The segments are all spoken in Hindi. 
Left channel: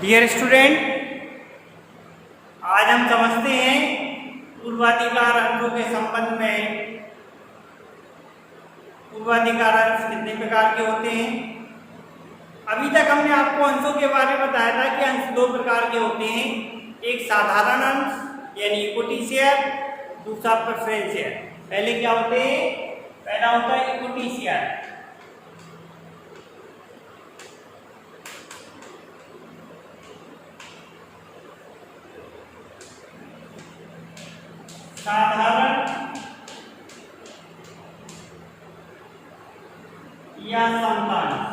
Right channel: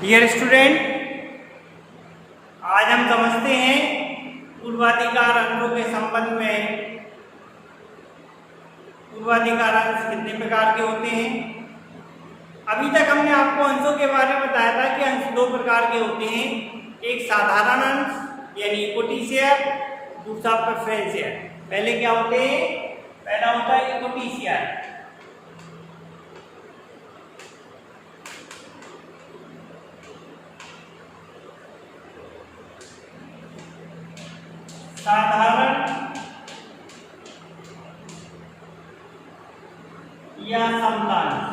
डियर स्टूडेंट, आज हम समझते हैं पूर्वाधिकार अंशों के संबंध में। पूर्वाधिकार अंश कितने प्रकार के होते हैं? अभी तक हमने आपको अंशों के बारे में बताया था कि अंश दो प्रकार के होते हैं, एक साधारण अंश यानी इक्विटी शेयर, दूसरा प्रेफरेंस शेयर। पहले क्या होते हैं? पहला होता है इक्विटी शेयर। साधारण या समता अंश।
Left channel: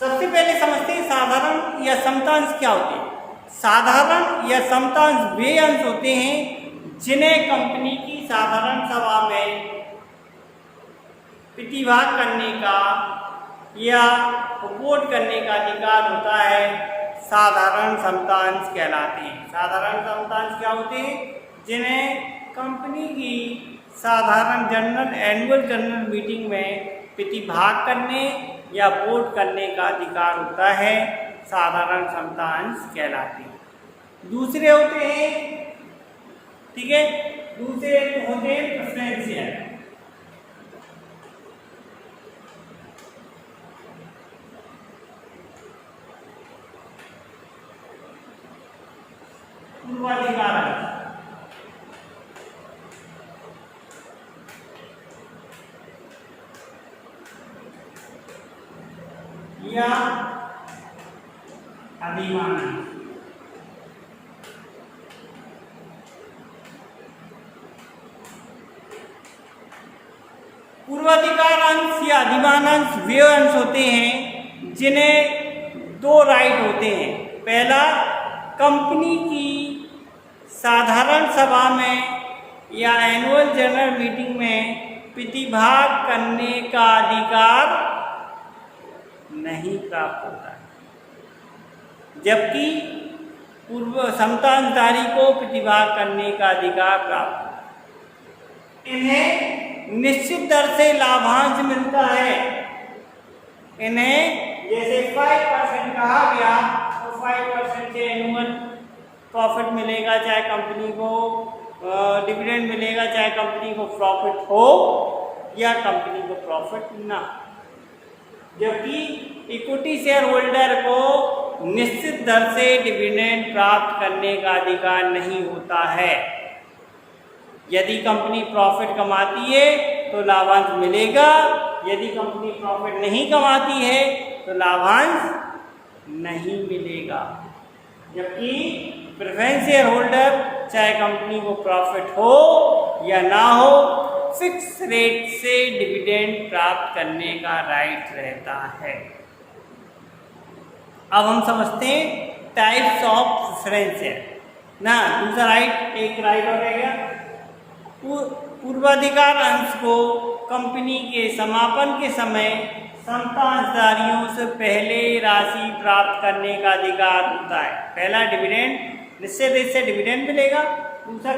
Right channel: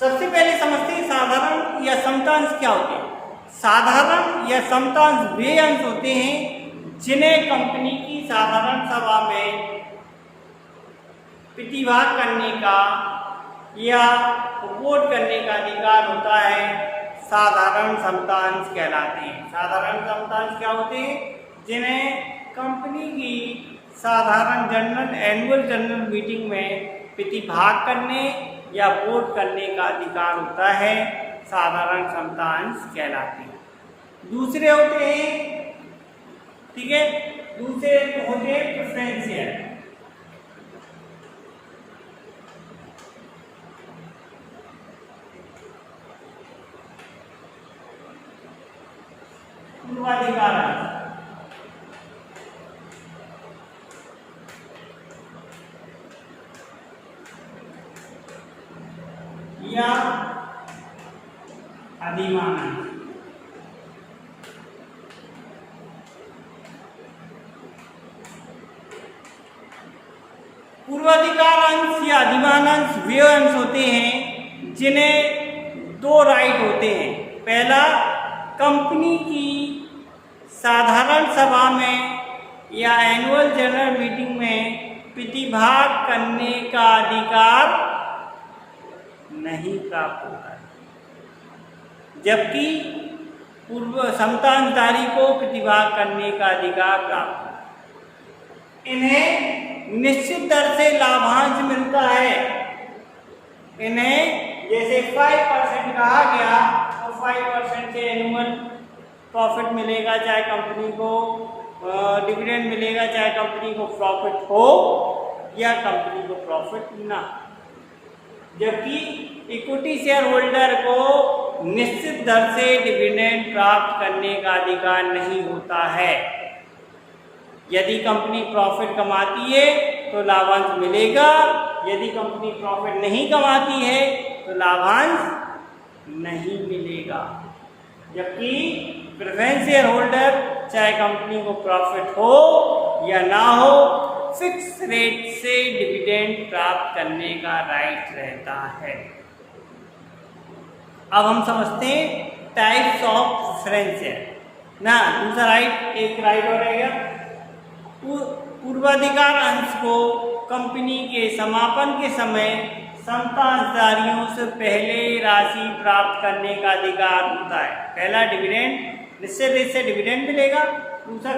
सबसे पहले समझते हैं साधारण या समता अंश क्या होते हैं। साधारण या समता अंश वे अंश होते हैं जिन्हें कंपनी की साधारण सभा में प्रतिभाग करने का या वोट करने का अधिकार होता है, साधारण समता अंश कहलाते हैं। साधारण समता अंश क्या होते हैं? जिन्हें कंपनी की साधारण एनुअल जनरल मीटिंग में प्रतिभाग करने या वोट करने का अधिकार होता है, साधारण समता अंश कहलाते हैं। दूसरे होते हैं, ठीक है, दूसरे होते हैं प्रेफरेंस शेयर। पूर्वाधिकार अंश या अधिमान अंश। पूर्वाधिकार अंश या अधिमान अंश वे अंश होते हैं जिन्हें दो राइट होते हैं। पहला, कंपनी की साधारण सभा में या एनुअल जनरल मीटिंग में प्रतिभाग करने का अधिकार नहीं प्राप्त होता है, जबकि पूर्व समता अंशधारी को प्रतिभाग करने का अधिकार प्राप्त होता है। इन्हें निश्चित दर से लाभांश मिलता है। इन्हें जैसे 5% कहा गया तो 5% से एनुअल प्रॉफिट मिलेगा, चाहे कंपनी को डिविडेंड मिलेगा, चाहे कंपनी को प्रॉफिट हो या कंपनी को प्रॉफिट ना। जबकि इक्विटी शेयर होल्डर को निश्चित दर से डिविडेंड प्राप्त करने का अधिकार नहीं होता है। यदि कंपनी प्रॉफिट कमाती है तो लाभांश मिलेगा, यदि कंपनी प्रॉफिट नहीं कमाती है तो लाभांश नहीं मिलेगा। जबकि प्रेफरेंस शेयर होल्डर चाहे कंपनी को प्रॉफिट हो या ना हो, फिक्स रेट से डिविडेंड प्राप्त करने का राइट रहता है। अब हम समझते हैं टाइप्स ऑफ प्रेफरेंस शेयर ना। दूसरा राइट, एक राइट और रहेगा। पूर्वाधिकार अंश को कंपनी के समापन के समय समता अंशधारियों से पहले राशि प्राप्त करने का अधिकार होता है। पहला, डिविडेंड, निश्चित रेट से डिविडेंड मिलेगा। दूसरा,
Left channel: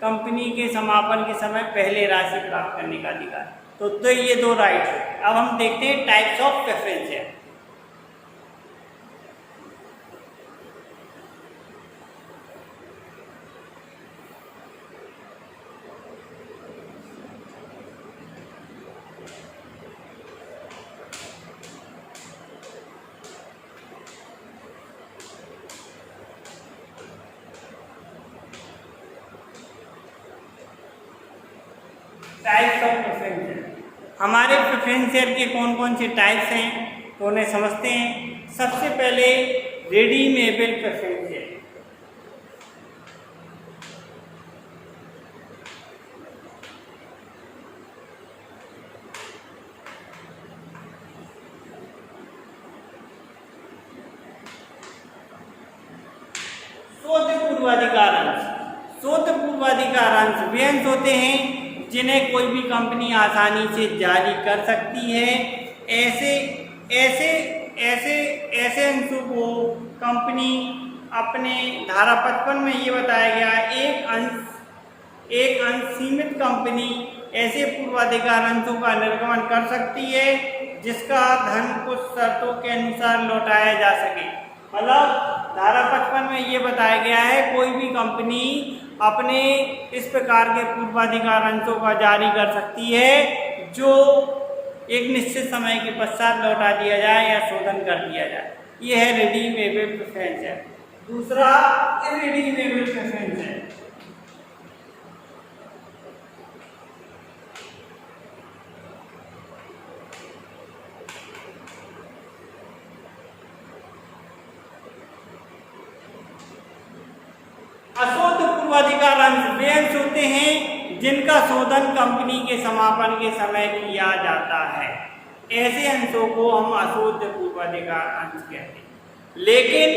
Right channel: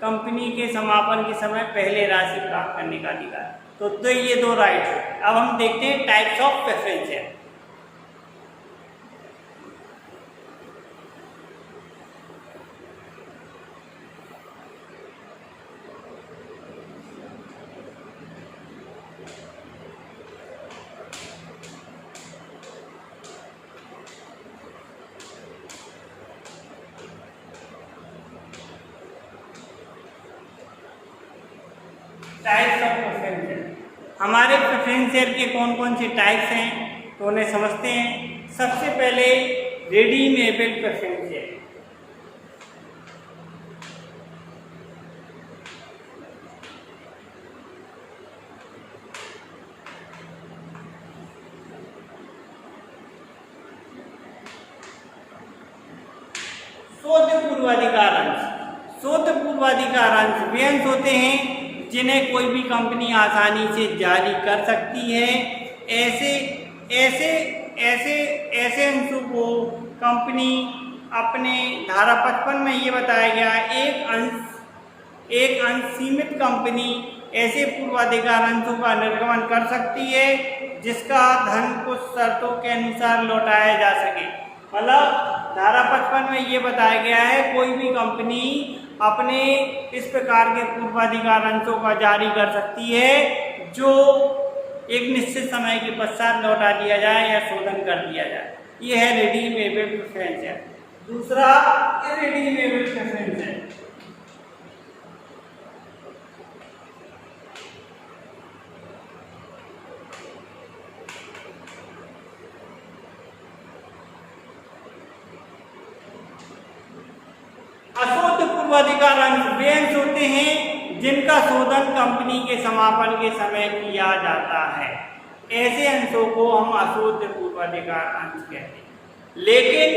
कंपनी के समापन के समय पहले राशि प्राप्त करने का अधिकार। तो ये दो राइट है। अब हम देखते हैं types of preference share. Types of preference share. हमारे प्रेफरेंस शेयर के कौन कौन से टाइप्स हैं तो उन्हें समझते हैं। सबसे पहले रिडीमेबल प्रेफरेंस शेयर। शुद्ध पूर्वाधिकार अंश। शुद्ध पूर्वाधिकार अंश वे अंश होते हैं जिन्हें कोई भी कंपनी आसानी से जारी कर सकती है। ऐसे अंशों को कंपनी अपने धारा 55 में ये बताया गया, एक अंश सीमित कंपनी ऐसे पूर्वाधिकार अंशों का निर्गमन कर सकती है जिसका धन कुछ शर्तों के अनुसार लौटाया जा सके। मतलब धारा 55 में ये बताया गया है कोई भी कंपनी अपने इस प्रकार के पूर्वाधिकार अंशों का जारी कर सकती है जो एक निश्चित समय के पश्चात लौटा दिया जाए या शोधन कर दिया जाए। ये है रिडीमेबल प्रेफरेंस शेयर। दूसरा इररिडीमेबल प्रेफरेंस शेयर। अशोध पूर्वाधिकार अंश वे अंश होते हैं जिनका शोधन कंपनी के समापन के समय किया जाता है। ऐसे अंशों को हम अशोध पूर्वाधिकार अंश कहते हैं। लेकिन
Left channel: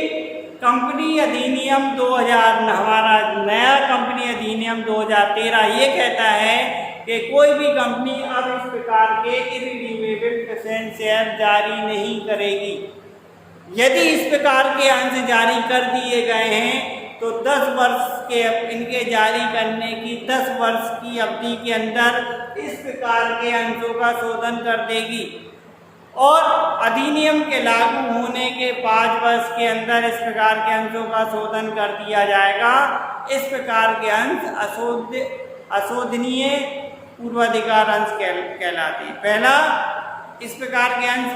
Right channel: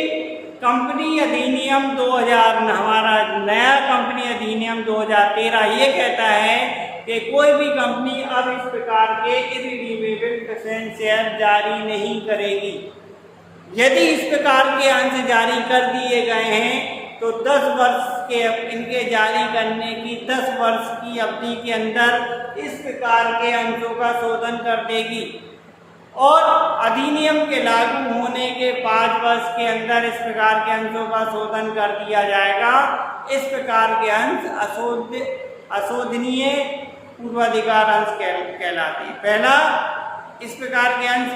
कंपनी अधिनियम 2000 हमारा नया कंपनी अधिनियम 2013 ये कहता है कि कोई भी कंपनी अब इस प्रकार के इररिडीमेबल प्रेफरेंस शेयर जारी नहीं करेगी। यदि इस प्रकार के अंश जारी कर दिए गए हैं तो 10 वर्ष के इनके जारी करने की 10 वर्ष की अवधि के अंदर इस प्रकार के अंशों का शोधन कर देगी और अधिनियम के लागू होने के 5 वर्ष के अंदर इस प्रकार के अंशों का शोधन कर दिया जाएगा। इस प्रकार के अंश अशोधनीय पूर्वाधिकार अंश कहलाते हैं। पहला, इस प्रकार के अंश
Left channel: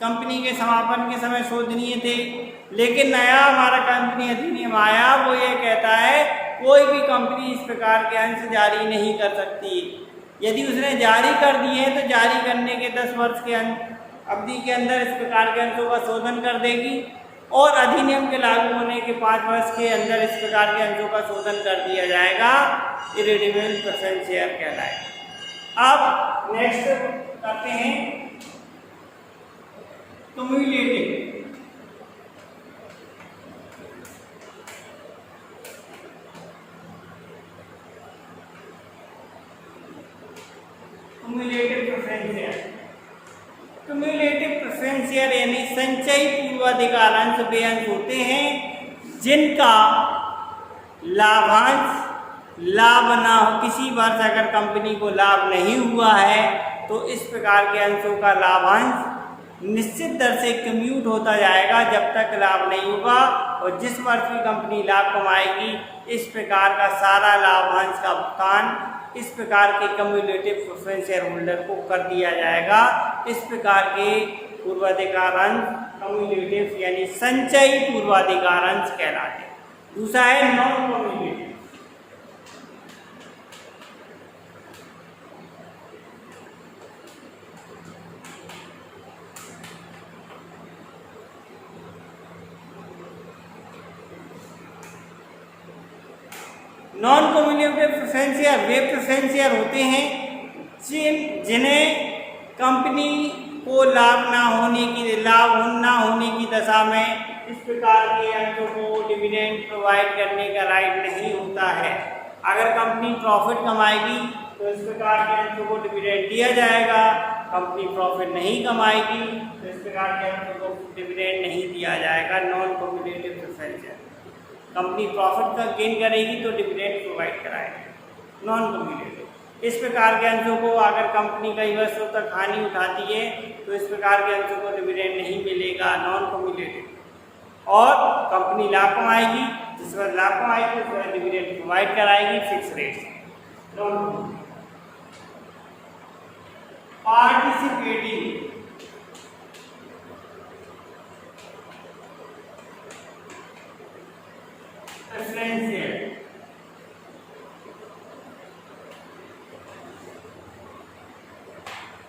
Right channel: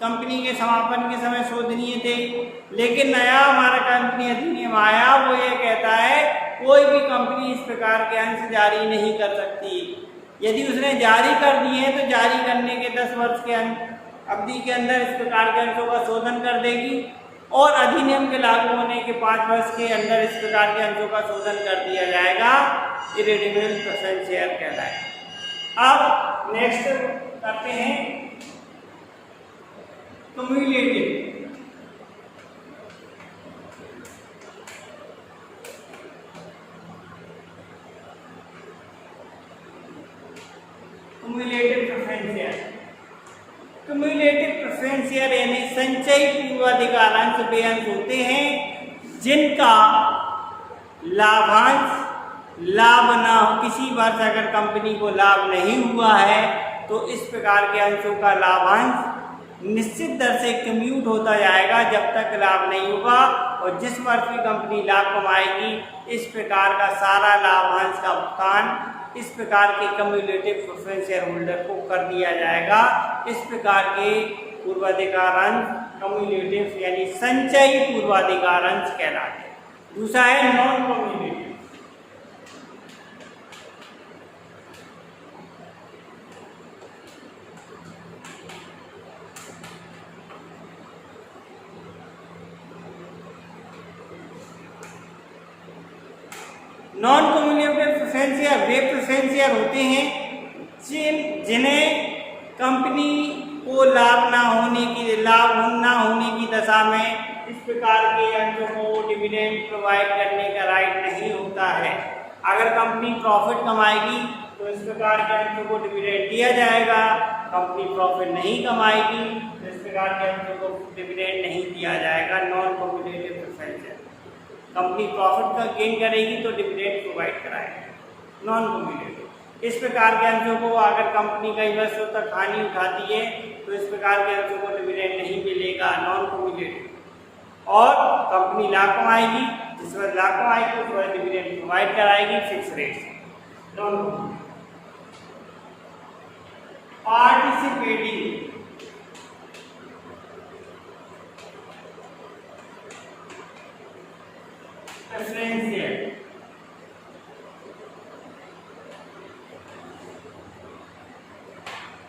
कंपनी के समापन के समय शोधनीय थे, लेकिन नया हमारा कंपनी अधिनियम आया वो ये कहता है कोई भी कंपनी इस प्रकार के अंश जारी नहीं कर सकती। यदि उसने जारी कर दिए हैं तो जारी करने के 10 वर्ष के अवधि के अंदर इस प्रकार के अंशों का शोधन कर देगी और अधिनियम के लागू होने के 5 वर्ष के अंदर इस प्रकार के अंशों का शोधन कर दिया जाएगा। इररिडीमेबल प्रेफरेंस शेयर कहलाएगा। अब नेक्स्ट करते हैं cumulative. Cumulative preference share. Cumulative preference share यानी संचयी पूर्वाधिकार अंश वे अंश होते हैं जिनका लाभांश लाभ ना हो। किसी वर्ष अगर कंपनी को लाभ नहीं हुआ है तो इस प्रकार के अंशों का लाभांश निश्चित दर से कम्यूट होता जाएगा जब तक लाभ नहीं होगा और जिस वर्ष की कंपनी लाभ कमाएगी इस प्रकार का सारा लाभांश का भुगतान इस प्रकार के क्युमुलेटिव प्रेफरेंस शेयर होल्डर को कर दिया जाएगा। इस प्रकार के पूर्वाधिकार अंश क्युमुलेटिव यानी संचयी पूर्वाधिकार अंश कहलाते हैं। दूसरा है non cumulative. Non cumulative preference share वे प्रेफरेंस शेयर होते हैं जिन्हें कंपनी को लाभ ना होने की दशा में इस प्रकार के अंशों को डिविडेंड प्रोवाइड करने का राइट नहीं होता है। अगर कंपनी प्रॉफिट कमाएगी तो इस प्रकार के अंशों को डिविडेंड दिया जाएगा। कंपनी प्रॉफिट नहीं कमाएगी तो इस प्रकार के अंशों को डिविडेंड नहीं दिया जाएगा। Non cumulative preference share company profit का गेन करेगी तो डिविडेंड प्रोवाइड कराएगी। नॉन क्युमुलेटिव इस प्रकार के अंशों को अगर कंपनी कई वर्षों तक हानि उठाती है तो इस प्रकार के अंशों को डिविडेंड नहीं मिलेगा। नॉन क्युमुलेटिव और कंपनी लाभ कमाएगी, जिस वक्त लाभ कमाएगी उस वक्त डिविडेंड प्रोवाइड कराएगी fix rate. Non cumulative participating preference share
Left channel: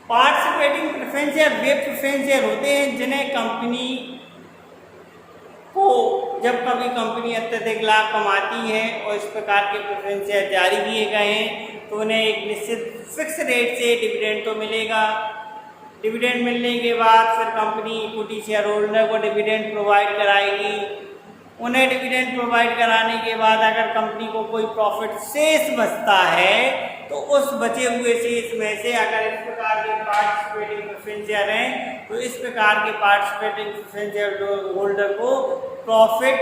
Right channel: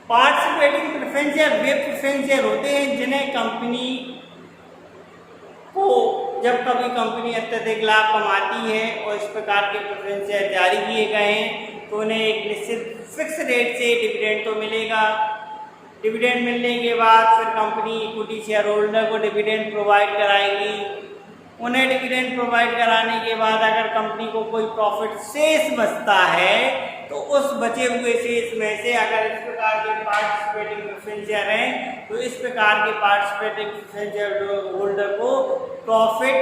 participating preference share वे प्रेफरेंस शेयर होते हैं जिन्हें कंपनी को जब कभी कंपनी अत्यधिक लाभ कमाती है और इस प्रकार के प्रेफरेंस शेयर जारी किए गए हैं तो उन्हें एक निश्चित फिक्स रेट से डिविडेंड तो मिलेगा। डिविडेंड मिलने के बाद फिर कंपनी इक्विटी शेयर होल्डर को डिविडेंड प्रोवाइड कराएगी। उन्हें डिविडेंड प्रोवाइड कराने के बाद अगर कंपनी को कोई प्रॉफिट शेष बचता है तो उस बचे हुए शेष में से अगर इस प्रकार के पार्टिसिपेटिंग प्रेफरेंस शेयर हैं तो इस प्रकार के पार्टिसिपेटिंग प्रेफरेंस शेयर होल्डर को प्रॉफिट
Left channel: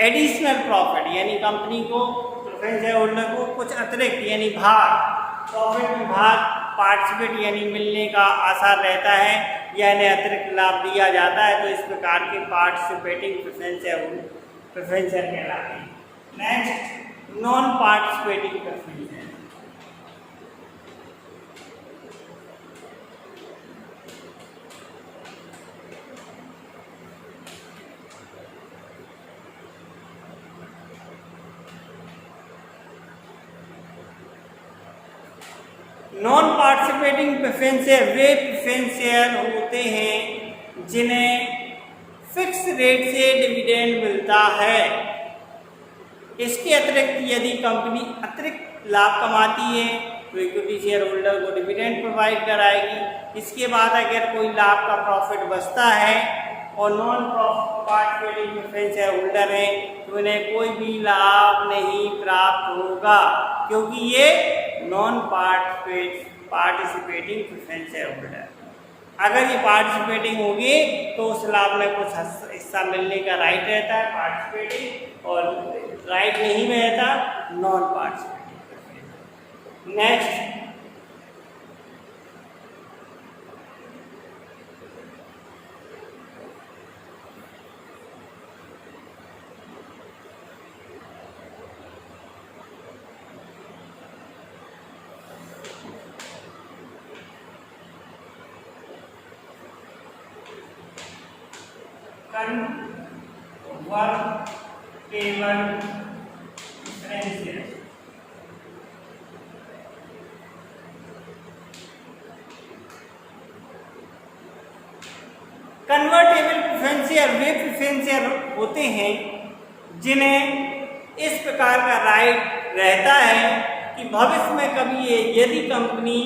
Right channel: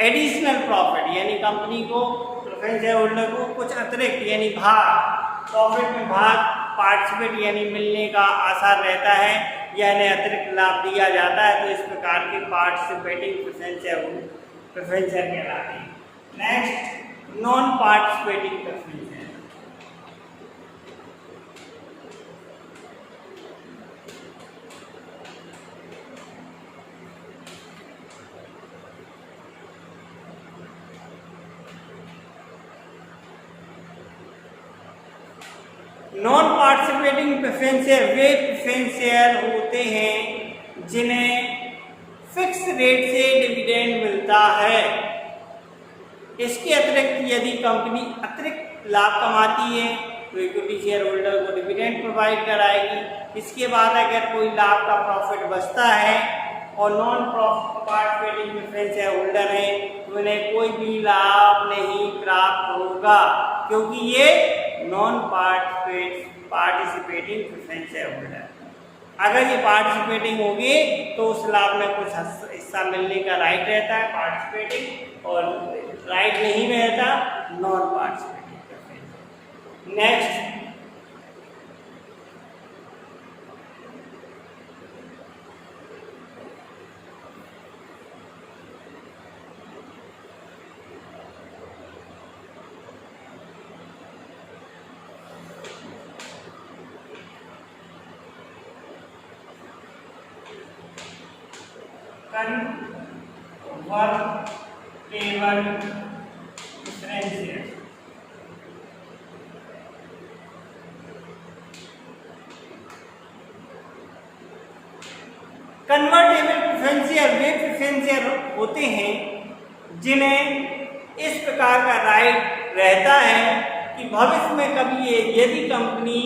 एडिशनल प्रॉफिट यानी कंपनी को प्रेफरेंस शेयर होल्डर को कुछ अतिरिक्त यानी भाग प्रॉफिट में भाग पार्टिसिपेट यानी मिलने का आसार रहता है या इन्हें अतिरिक्त लाभ दिया जाता है, तो इस प्रकार के पार्टिसिपेटिंग प्रेफरेंशियल कहलाते हैं। Next, non participating preferential. Non participating preferential वे प्रेफरेंशियल होते हैं जिन्हें फिक्स रेट से डिविडेंड मिलता है। इसके अतिरिक्त यदि कंपनी अतिरिक्त लाभ कमाती है तो इक्विटी शेयर होल्डर को डिविडेंड प्रोवाइड कराएगी। इसके बाद अगर कोई लाभ का प्रॉफिट बचता है और नॉन पार्टिसिपेटिंग प्रेफरेंशियल होल्डर है तो उन्हें कोई भी लाभ नहीं प्राप्त होगा, क्योंकि ये नॉन पार्टिसिपेटिंग प्रेफरेंशियल होल्डर। अगर ये पार्टिसिपेटिंग होगी तो उस लाभ में कुछ हिस्सा मिलने का राइट रहता है पार्टिसिपेटिंग, और राइट नहीं रहता non participating. Next, convertible preferential. Convertible preferential वे प्रेफरेंशियल होते हैं जिन्हें इस प्रकार का राइट रहता है कि भविष्य में कभी यदि कंपनी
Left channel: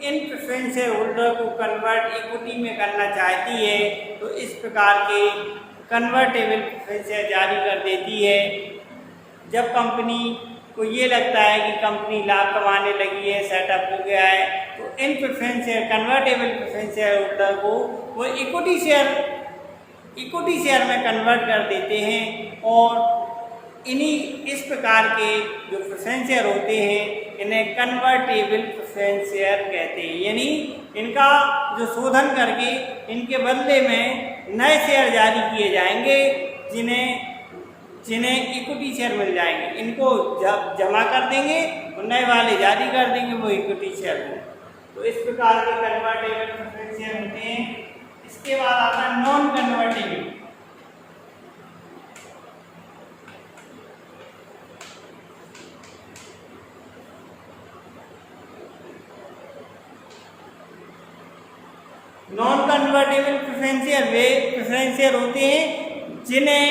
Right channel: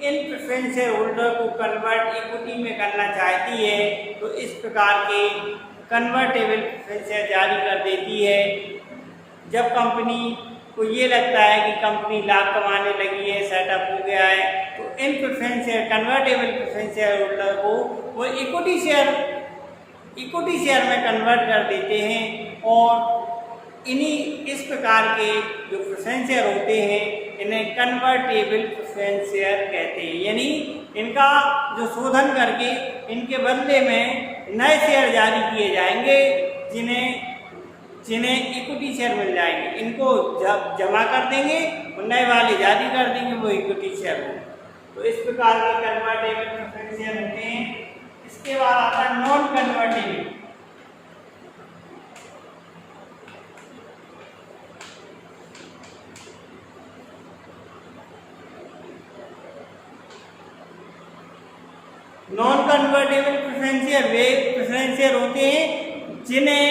इन प्रेफरेंशियल होल्डर को कन्वर्ट इक्विटी में करना चाहती है तो इस प्रकार के कन्वर्टेबल प्रेफरेंशियल जारी कर देती है। जब कंपनी को ये लगता है कि कंपनी लाभ कमाने लगी है, सेटअप हो गया है, तो इन प्रेफरेंशियल कन्वर्टेबल प्रेफरेंशियल होल्डर को वो इक्विटी शेयर में कन्वर्ट कर देते हैं और इस प्रकार के जो प्रेफरेंशियल होते हैं इन्हें कन्वर्टेबल प्रेफरेंशियल कहते हैं। यानी इनका जो शोधन करके इनके बदले में नए शेयर जारी किए जाएंगे जिन्हें इक्विटी शेयर मिल जाएंगे। इनको जब जमा कर देंगे और नए वाले जारी कर देंगे वो इक्विटी शेयर हो। तो इस प्रकार के कन्वर्टेबल प्रेफरेंशियल होते हैं। इसके बाद आता है non convertible. Non convertible preferential वे प्रेफरेंशियल होते हैं जिन्हें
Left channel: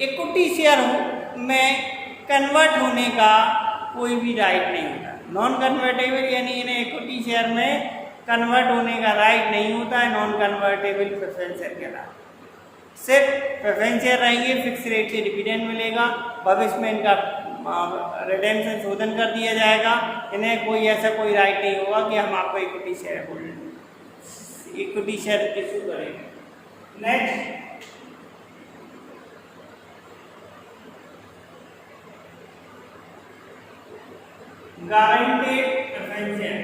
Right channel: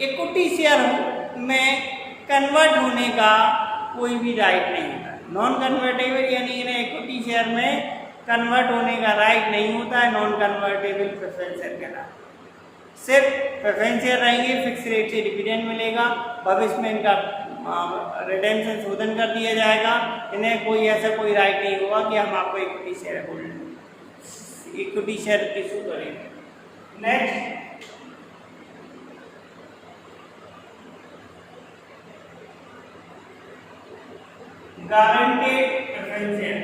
इक्विटी शेयर में कन्वर्ट होने का कोई भी राइट नहीं होता। नॉन कन्वर्टेबल यानी इन्हें इक्विटी शेयर में कन्वर्ट होने का राइट नहीं होता है। नॉन कन्वर्टेबल प्रेफरेंशियल के नाम सिर्फ प्रेफरेंशियल रहेंगे, फिक्स रेट से डिविडेंड मिलेगा, भविष्य में इनका रिडेम्पशन शोधन कर दिया जाएगा। इन्हें कोई ऐसा कोई राइट नहीं होगा कि हम आपको इक्विटी शेयर इशू करेंगे। Next, guaranteed preferential.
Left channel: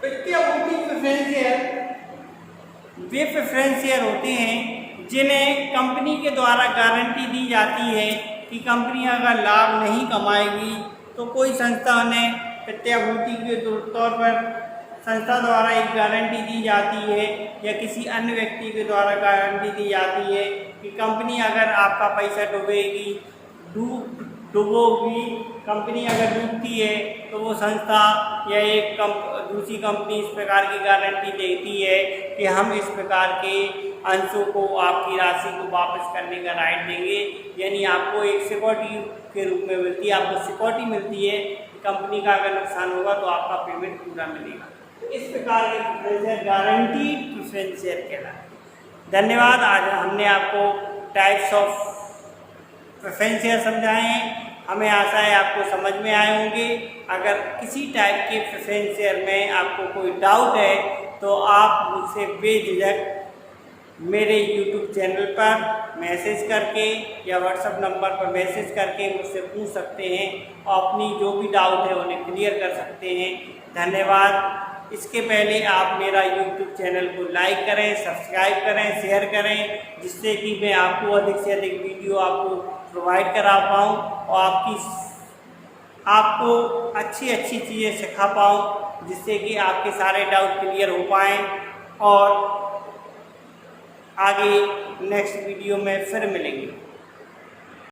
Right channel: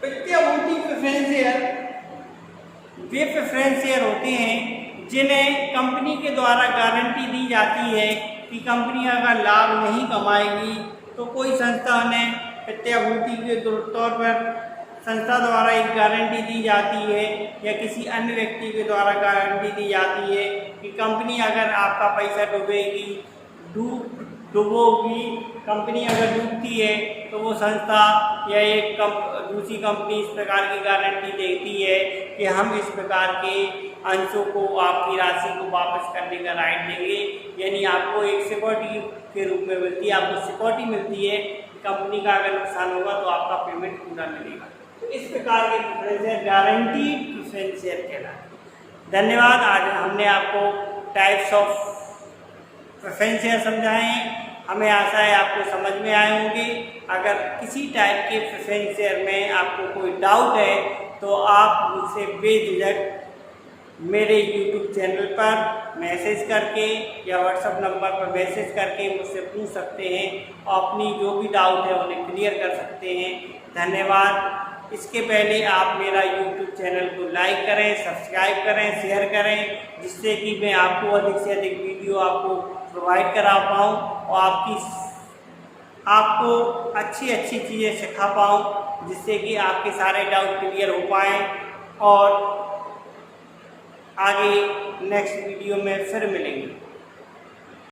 प्रतिभूति प्रेफरेंशियल वे प्रेफरेंशियल होते हैं जिन्हें कंपनी के द्वारा गारंटी दी जाती है कि कंपनी अगर लाभ नहीं कमाएगी तो कोई संस्था में प्रत्याभूति के तौर पर संस्था द्वारा एक गारंटी दी जाती है या किसी अन्य व्यक्ति के द्वारा गारंटी दी जाती है कि कंपनी अगर आपका पैसा डूबोगी, कंपनी अगर डूबती है तो वो संस्था या एक दूसरी कंपनी इस प्रकार की गारंटी देती है कि हम इस प्रकार के अंशों को आपकी राशि को वापस करने का राइट देंगे। यानी आपको एक सिक्योरिटी के रूप में मिलती है, आपको सिक्योरिटी मिलती है कि कंपनी का अगर नुकसान होगा तो आपका पेमेंट पूरा मिलेगा। तो इस प्रकार के प्रेफरेंशियल गारंटी प्रेफरेंशियल कहलाते हैं। धन्यवाद। आज हमने आपको टाइप्स ऑफ प्रेफरेंशियल समझाएं। हमें आशा है आपको समझ में आए होंगे। अगर किसी टाइप के प्रेफरेंशियल में आपको कोई डाउट है तो आप मुझसे बेझिझक मेरे YouTube चैनल पर मैसेज करके या व्हाट्सएप नंबर पर मैसेज करके मुझसे पूछ सकते हैं और अपनी जो भी डाउट है उन्हें क्लियर कर सकते हैं। धन्यवाद। इसके पहले आप मेरा YouTube चैनल को लाइक करें, सब्सक्राइब करें, शेयर करें, जिससे कि मैं आपको अधिक से अधिक वीडियो आपको प्रोवाइड करा पाऊँ और आपको अच्छी अच्छी चीज़ें सिखा पाऊँ, जिससे कि आपके सारे डाउट क्लियर हो पाएँ और आगे नेक्स्ट वीडियो में फिर मिलेंगे।